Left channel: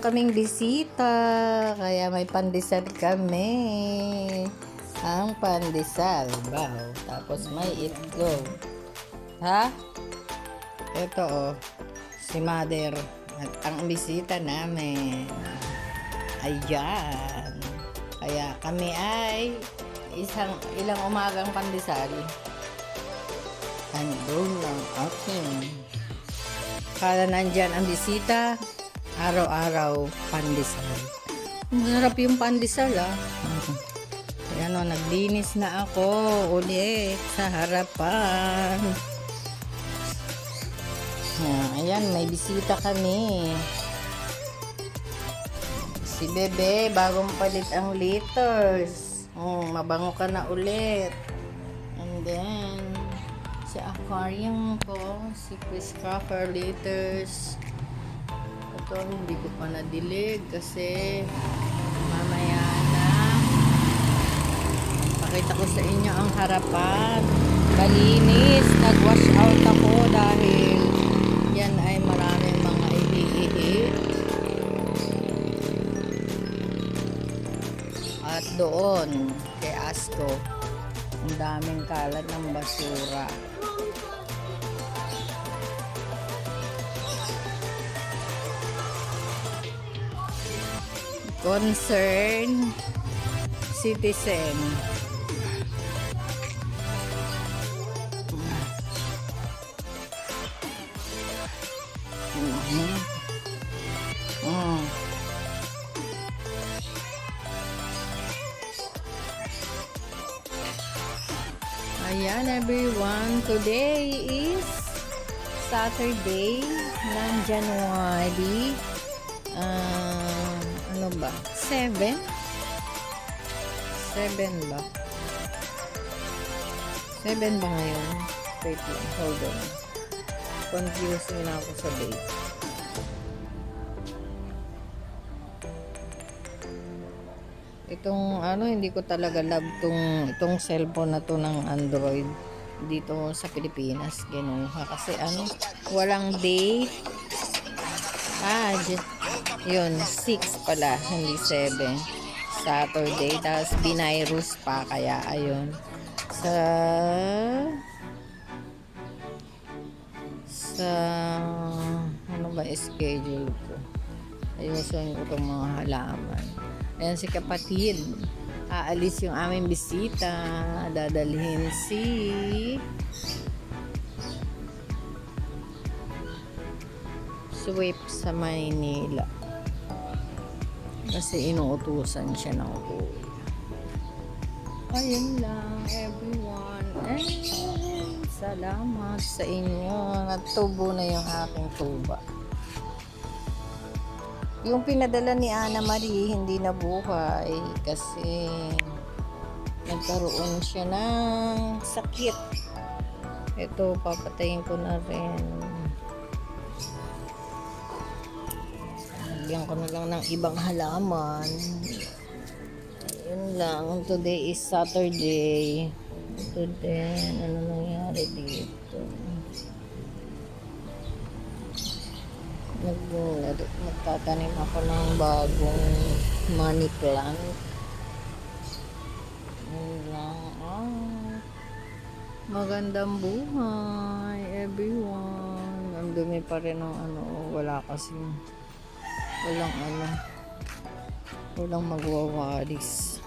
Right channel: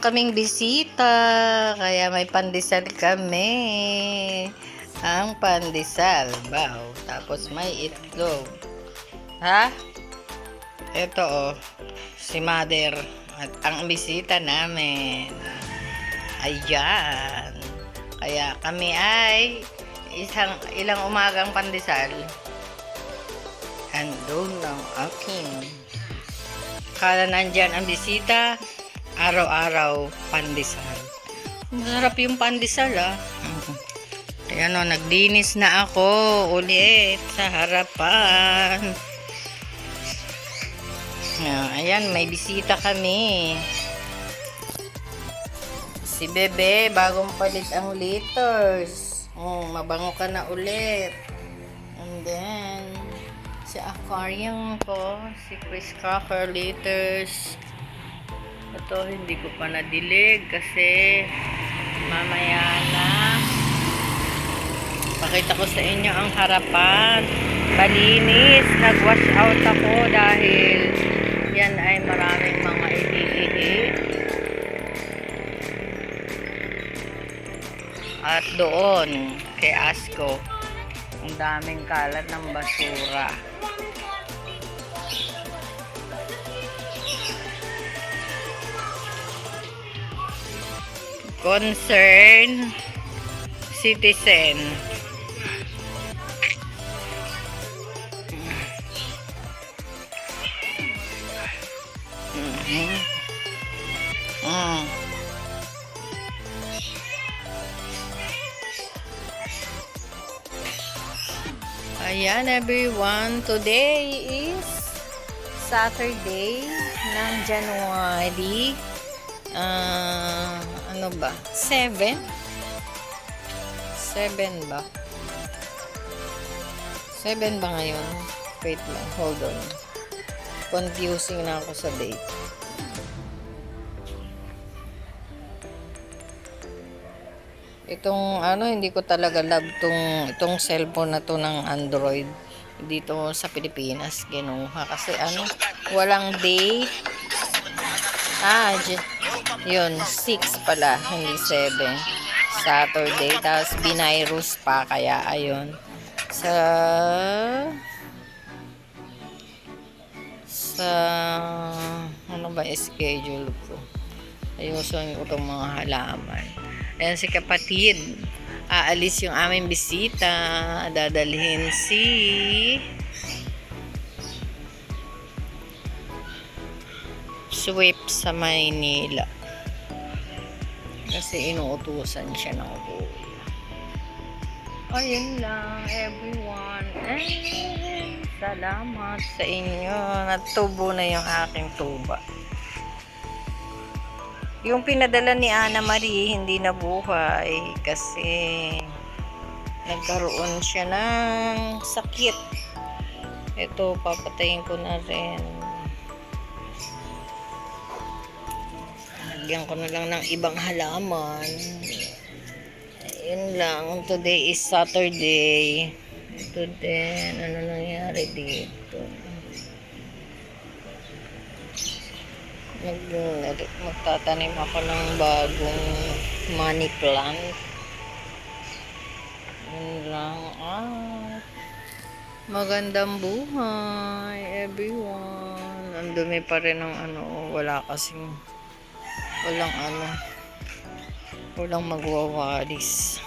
naman kaming bisita, kaya may pandesal kami. Ang pandesal, wow. Tapos may itlog. Ha? Ito oh, si Mother at ang bisita namin. Ayan. Kaya kami ay ilang umagang pandesal. Andun lang aking. Kala nandyan ang bisita, araw-araw pandesal. Masarap yung pandesal ah. Ayan o, naglinis na ako ulit sa harapan. Ayan, may bisita kami. Si Bebe, bagong palit ang liters. Mabango ka na ulit. And then, si aquarium ko, si Chris Cracker liters. Ito, hindi ko pa nadilig kasi mamaya na. Pakita ko sa inyo ang harapan. Malinis. Nag-wash out ako dahil yan ay maraming mga ihi-ihi. At doon, kay Asko, ang daming kalat ng basura. Concern citizen. Ayan everyone, today is Saturday ng January ano ba? 7 ba? 7 ba ngayon? Wait lang, hold on. Confusing na ako sa date. Itong hindi ko talaga love itong cellphone na to ng Android dito sa Pilipinas kinuha kasi walang date. Yun 6 pala, hindi 7. Saturday, tapos binirus pa, kaya ayun sa ano ba schedule ko, ayusin ko itong mga halaman. Ayan si kapatid, aalis yung aming bisita, dadalhin si Sweep sa Maynila kasi inuutusan siya ng kuya. Ayun lang everyone, and salamat sa inyo. Natubo na yung aking tuba. Yung pinadala ni Ana Marie hindi nabuhay kasi nagkaroon siya ng sakit. Ito, papatayin ko na rin. Lagyan ko na lang ng ibang halaman. Ayun lang. Today is Saturday. Ito din. Ano nangyari dito? Magtatanim ako ng bagong money plant. Yun lang. Magandang buhay everyone. Ang dumi pa rin ng wala kasing walang magwawalis.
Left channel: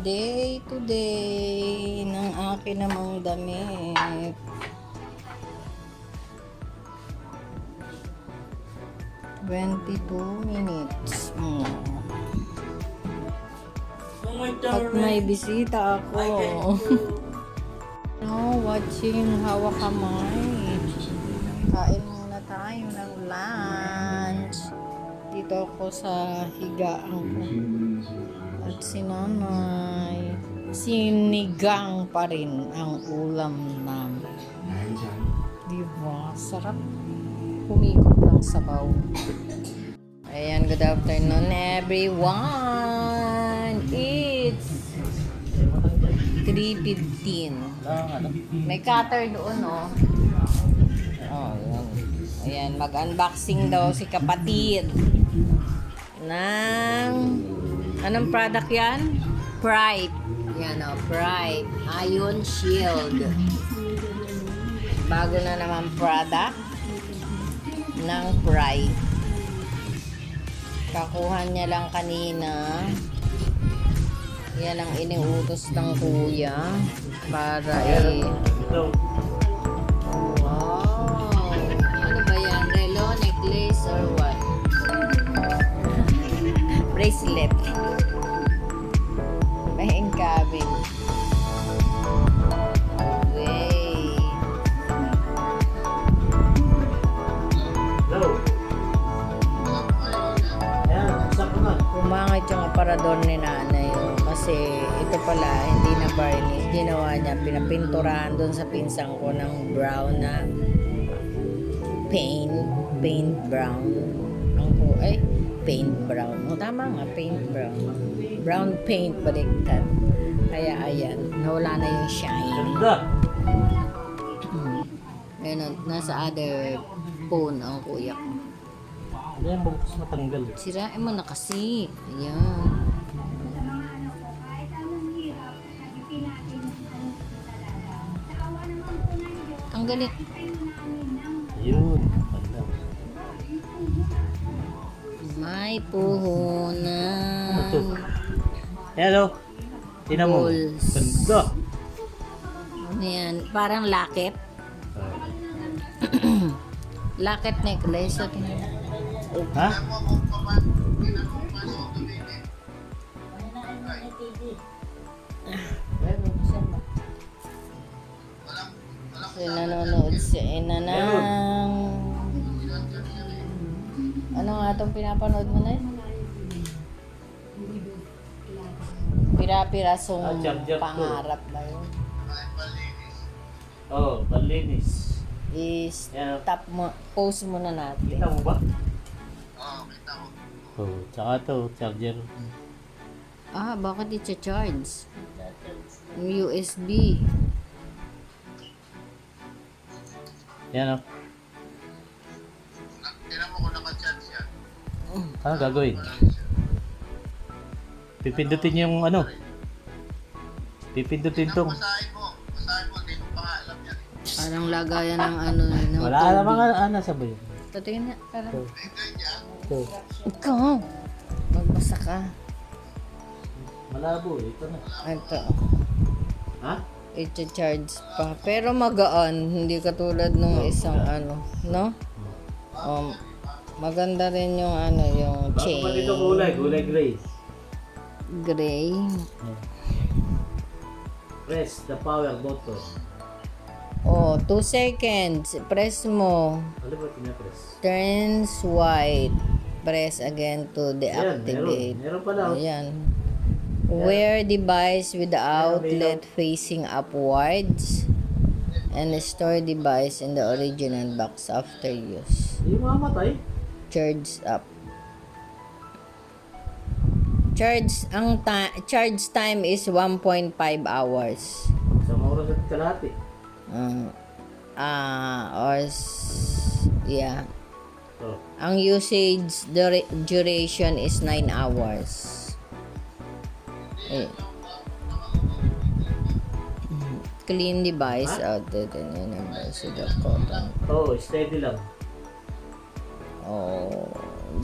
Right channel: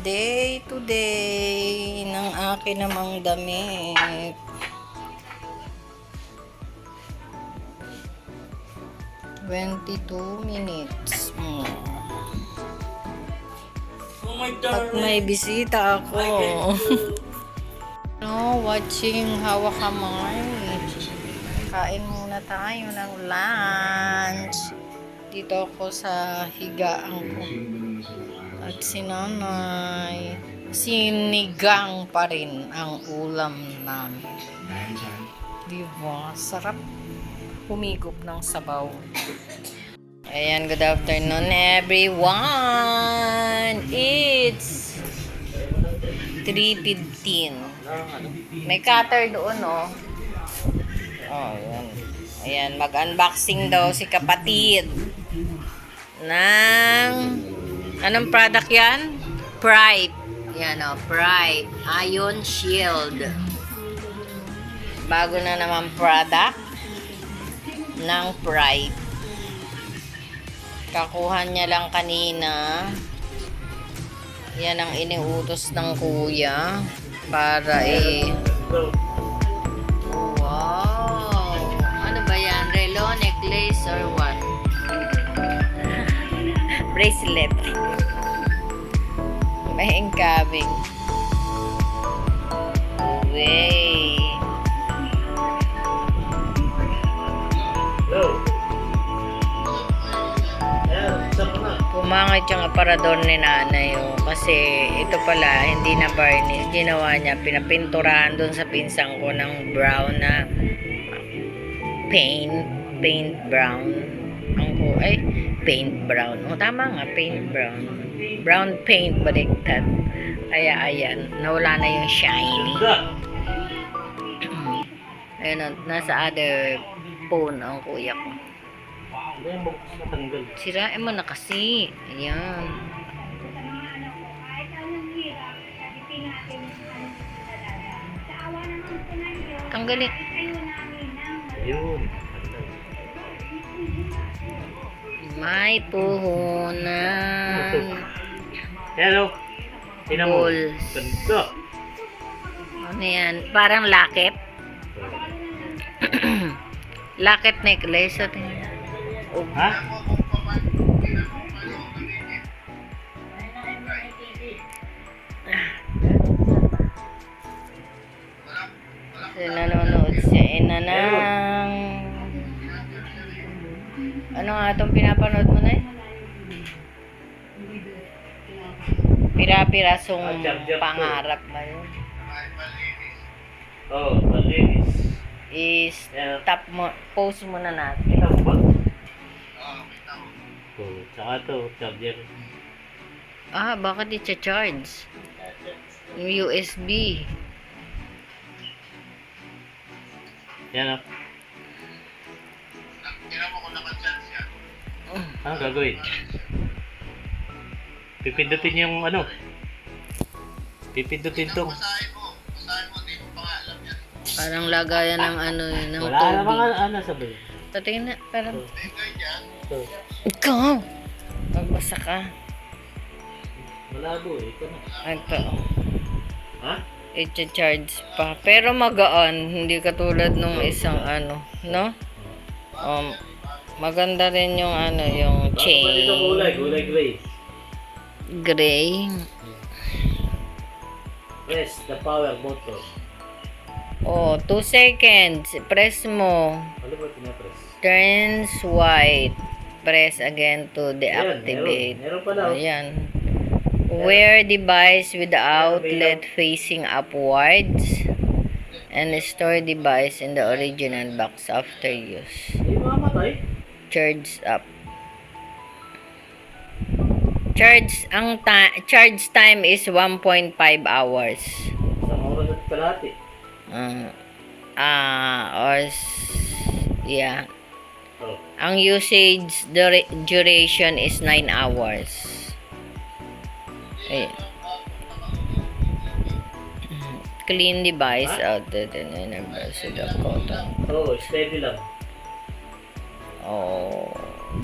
Day to day ng akin namang damit. "22 minutes At may bisita ako. Watching Hawa Kamay. Kain muna tayo ng lunch. Dito ako sa higaan ko. At si nanay, sinigang pa rin ang ulam namin. Diba? Sarap humigop ng sabaw. Ayan, good afternoon everyone. It's 3:15. May cutter doon Oh, ayan. Ayan, mag-unboxing daw si kapatid ng anong product yan? Pride. Yan o, Pride. Ion Shield. Bago na naman product ng Pride. Kakuha niya lang kanina. Yan ang iniutos ng kuya para wow. Ano ba yan? Relo, necklace, or what? Bracelet. May incoming. Way. Pumangit yung aparador ni nanay kasi ito pala hindi na varnish, ginawa niya pinapinturahan doon sa pinsang ko ng brown na paint brown paint brown, tama nga, paint brown paint baliktad, kaya ayan, nawala na yung shiny. Ayun, nasa other phone ang kuya ko. Yan, bukas matanggal. Sirain mo na kasi. Ayan. Tanggalin. Ayun. May puhunan. Hello. Tingnan mo. Balls. Ganda. Ano yan? Parang lakit. Lakit necklace. Ha? Kasi nanonood si Ina ng ano nga itong pinapanood mo na Pira-pirasong pangarap ba yun? Oh, malinis. Stop mo, pause muna natin. Kita mo ba? Oh, tsaka to, charger. Bakit i-charge? Yung USB. Yan o. Tira mo kung naka-charge yan. Ano gagawin? Pipindutin yung ano? Pipindutin to. Basahin mo, di mo pa nga alam yan. Parang lagayan ng ano yun, ng Wala tubig. namang ano sabi. Tatingin na, parang... Tingnan dyan. So, Ikaw! Magbasa ka. malabo eh. Ito na. Ito. Ha? I-charge pa. Pero magaan. Hindi katulad nung isang ano. No? Maganda rin yung ano, yung Bakit chain. ba dito kulay? Kulay gray. Gray. Press the power button. 2 seconds. Press mo. Ano ba pinapress? Turns white. Press again to Ayan, deactivate. meron pala. Oh. Ayan. Wear device with the outlet facing upwards. And store device in the original box after use. Hindi mamamatay. Charge up. Charge time is 1.5 hours. Sa oras at kalahati. Yeah. Oh. Ang usage duration is 9 hours. Clean device outlet and universal cotton. Oh, steady lang.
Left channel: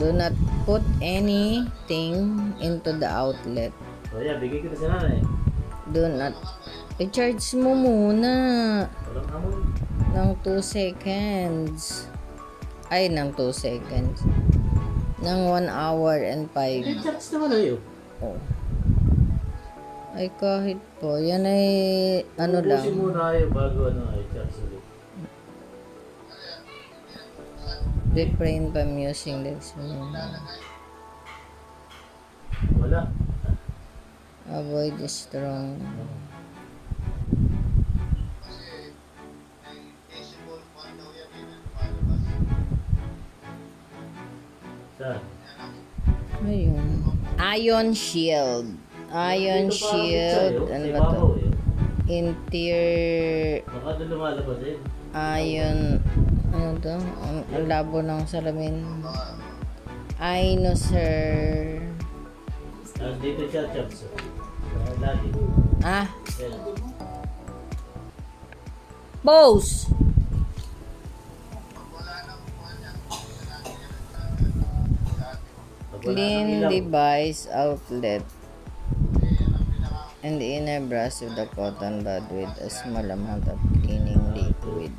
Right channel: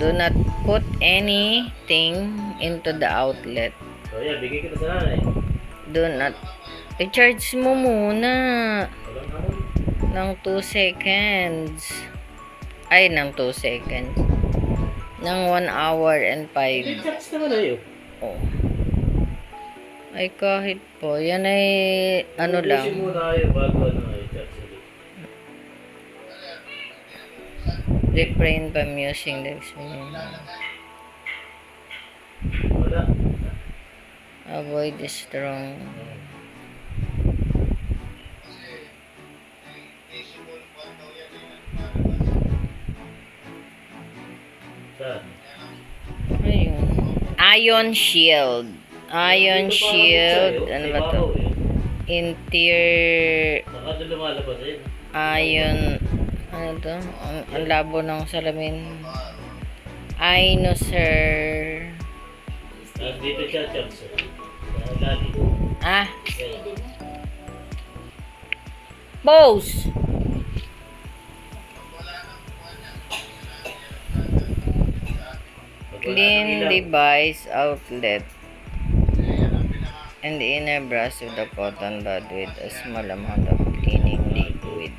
Do not put anything into the outlet. So yan, bigay kita sa nanay. Do not i-charge mo muna Walang ano. ng 2 seconds. Ay, ng 2 seconds. Ng 1 hour and 5. I-charge naman ayo. Oh. Ay, kahit po. Yan ay, ano lang. Ubusin muna kayo bago ano i-charge ulit. Refrain from using the experiment. Wala. Avoid the strong. Visible pa daw yan. Malabas. Saan? Ayun. Ion Shield. Ion Dito pa Shield. ako, Ano sa ba to? ibabaw, eh. Interior Saka doon lumalabas eh. Ion. Ano Ano to? Ang labo ng salamin. Ay, no, sir. Dito siya, Chaps. Sa lalim. Ah, Yan. boss! Pag wala nang kuha niya, kailangan niya lang sa atin. Pag wala nang Clean ilaw. device outlet Kasi yan ang pinaka and the inner brush with the cotton bud with a small amount of cleaning liquid.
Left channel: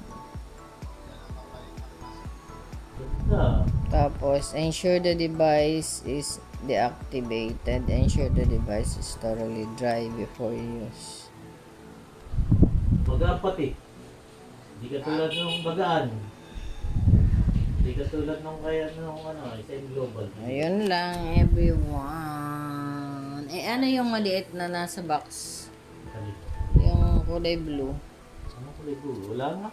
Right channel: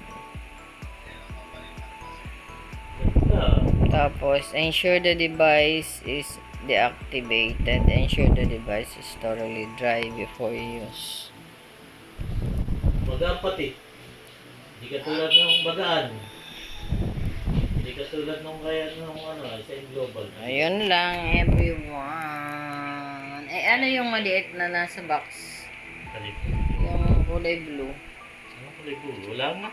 Ganda. Tapos, ensure the device is deactivated. Ensure the device is thoroughly dry before use. Magaan pati. Hindi ka tulad ng bagaan. Hindi ka tulad nung kaya nung sa global. Ayun lang, everyone. Eh, ano yung maliit na nasa box? Halip. Yung kulay blue. Ano kulay blue? Wala nga.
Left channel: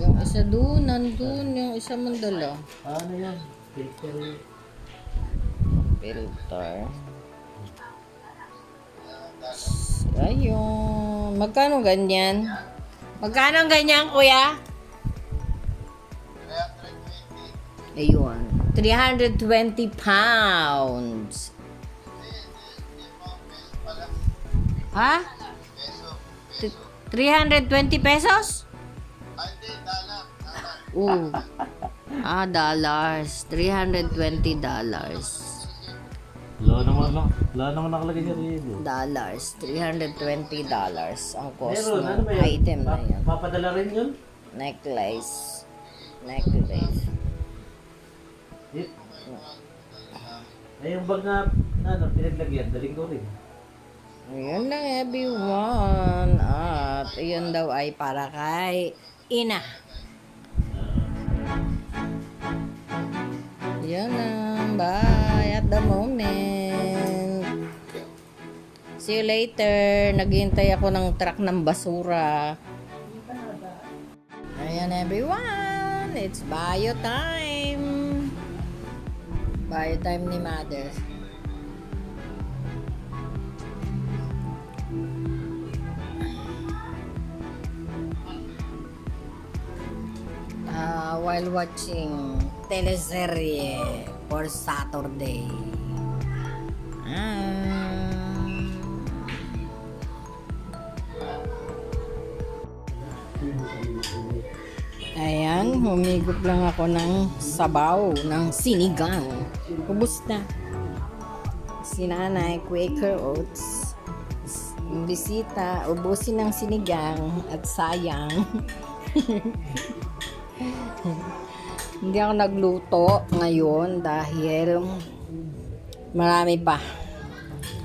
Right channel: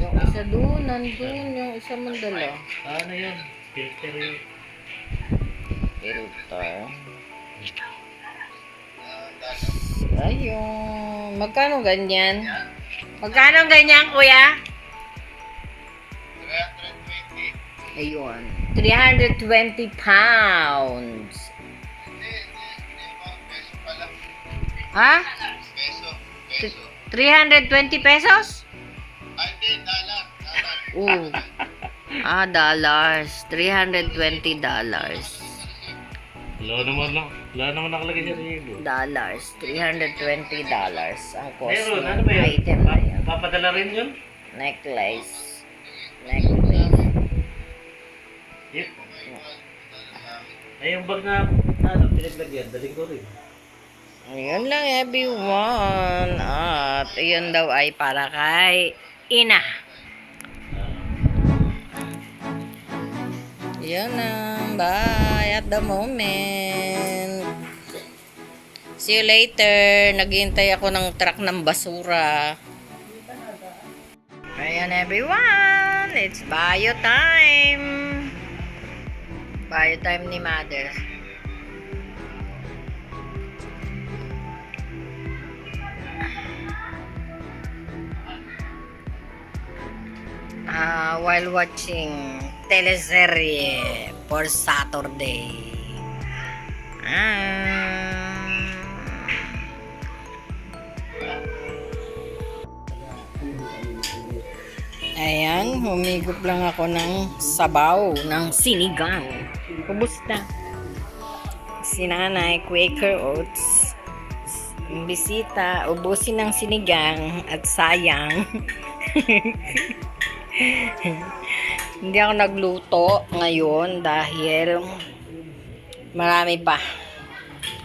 Yung isa doon, nandun. Yung isa mandala. Ano yun? Filter yun. Filter. Ayun. Magkano ganyan? Magkano ganyan, kuya? 320. Ayun. 320 pounds. Hindi mo, peso pala. Ha? Peso. 320 pesos? Ay, hindi, dollar. Oo. Dollars. $320. Wala naman nakalagay sa review. Dollars. $320 ang cost Meron, ano ng ba yun? item na yun. Papadala rin yun? Necklace. Yep. Ay, yung bag na, pinaglagyan, daling ko rin. Ayun lang, everyone. At ayun daw ay para kay ina. Yan lang. Bye at the moment. See you later. Naghihintay ako ng truck ng basura. Ayan, everyone. It's bio time. Bio time ni Mother. While watching teleserye for Saturday. Ayan, humigop lang ako ng sabaw ng sinigang. Ubus na. Si Nanay, Quaker Oats. Bisita, ubusin ng sinigang at sayang. Hindi ako nagluto ngayon dahil marami pa.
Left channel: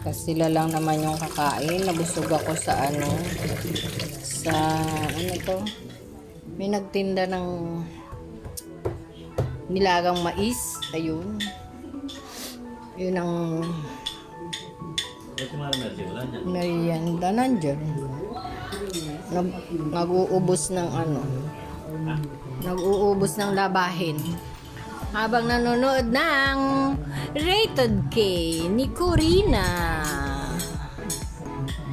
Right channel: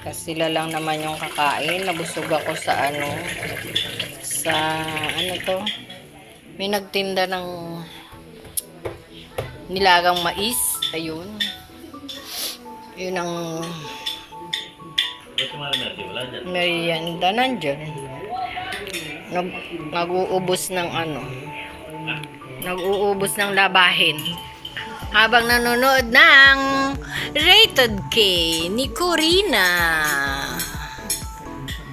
Kasi sila lang naman yung kakain. Nabusog ako sa to? May nagtinda ng nilagang mais. Ayun. Yun ang Ba't yung mga energy? Wala niyan. merienda nandyan. Nag-uubos ng nag-uubos ng labahin habang nanonood ng Rated K ni Corina.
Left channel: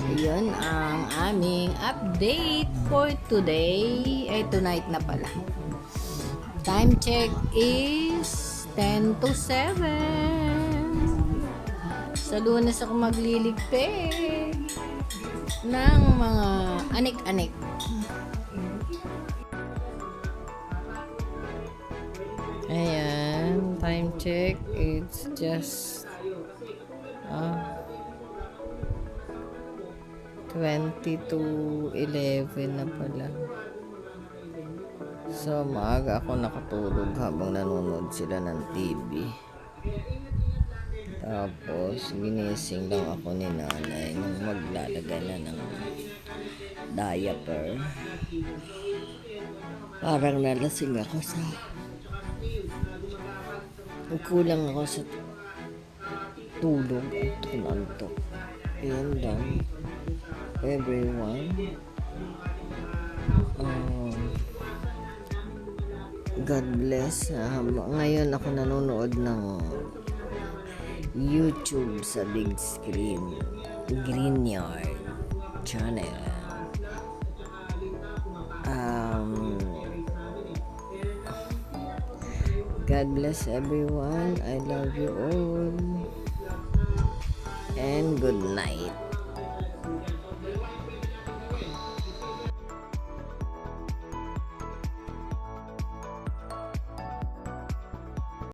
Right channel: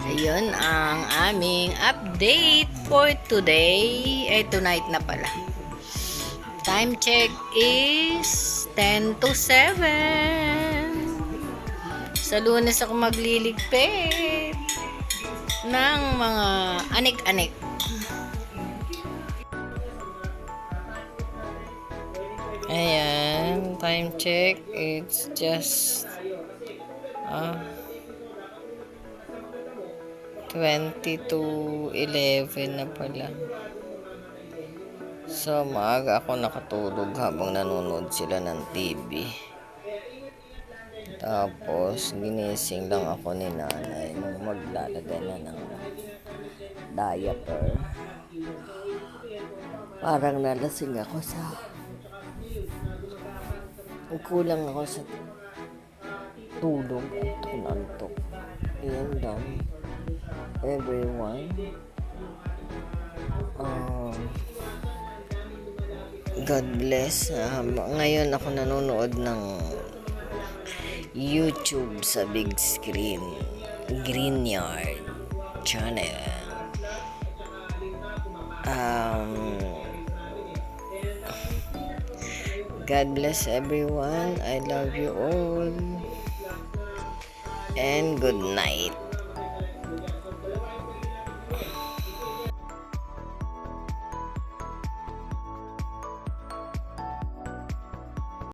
Ayun ang aming update for today. Tonight na pala. Time check is 10 to 7. Sa Lunes ako magliligpit ng mga anik-anik. Ayan, time check. It's just 20 to 11 na pala. So, maaga ako nakatulog habang nanonood sila ng TV. Tapos, ginising lang ako ni nanay nung maglalagay na ng diaper. Parang nalasing ako kulang ako sa tulog at antok. Ayan lang, everyone. God bless. Ngayon ako nanonood ng YouTube sa big screen, Greenyard channel. God bless everyone. I love you all. And good night.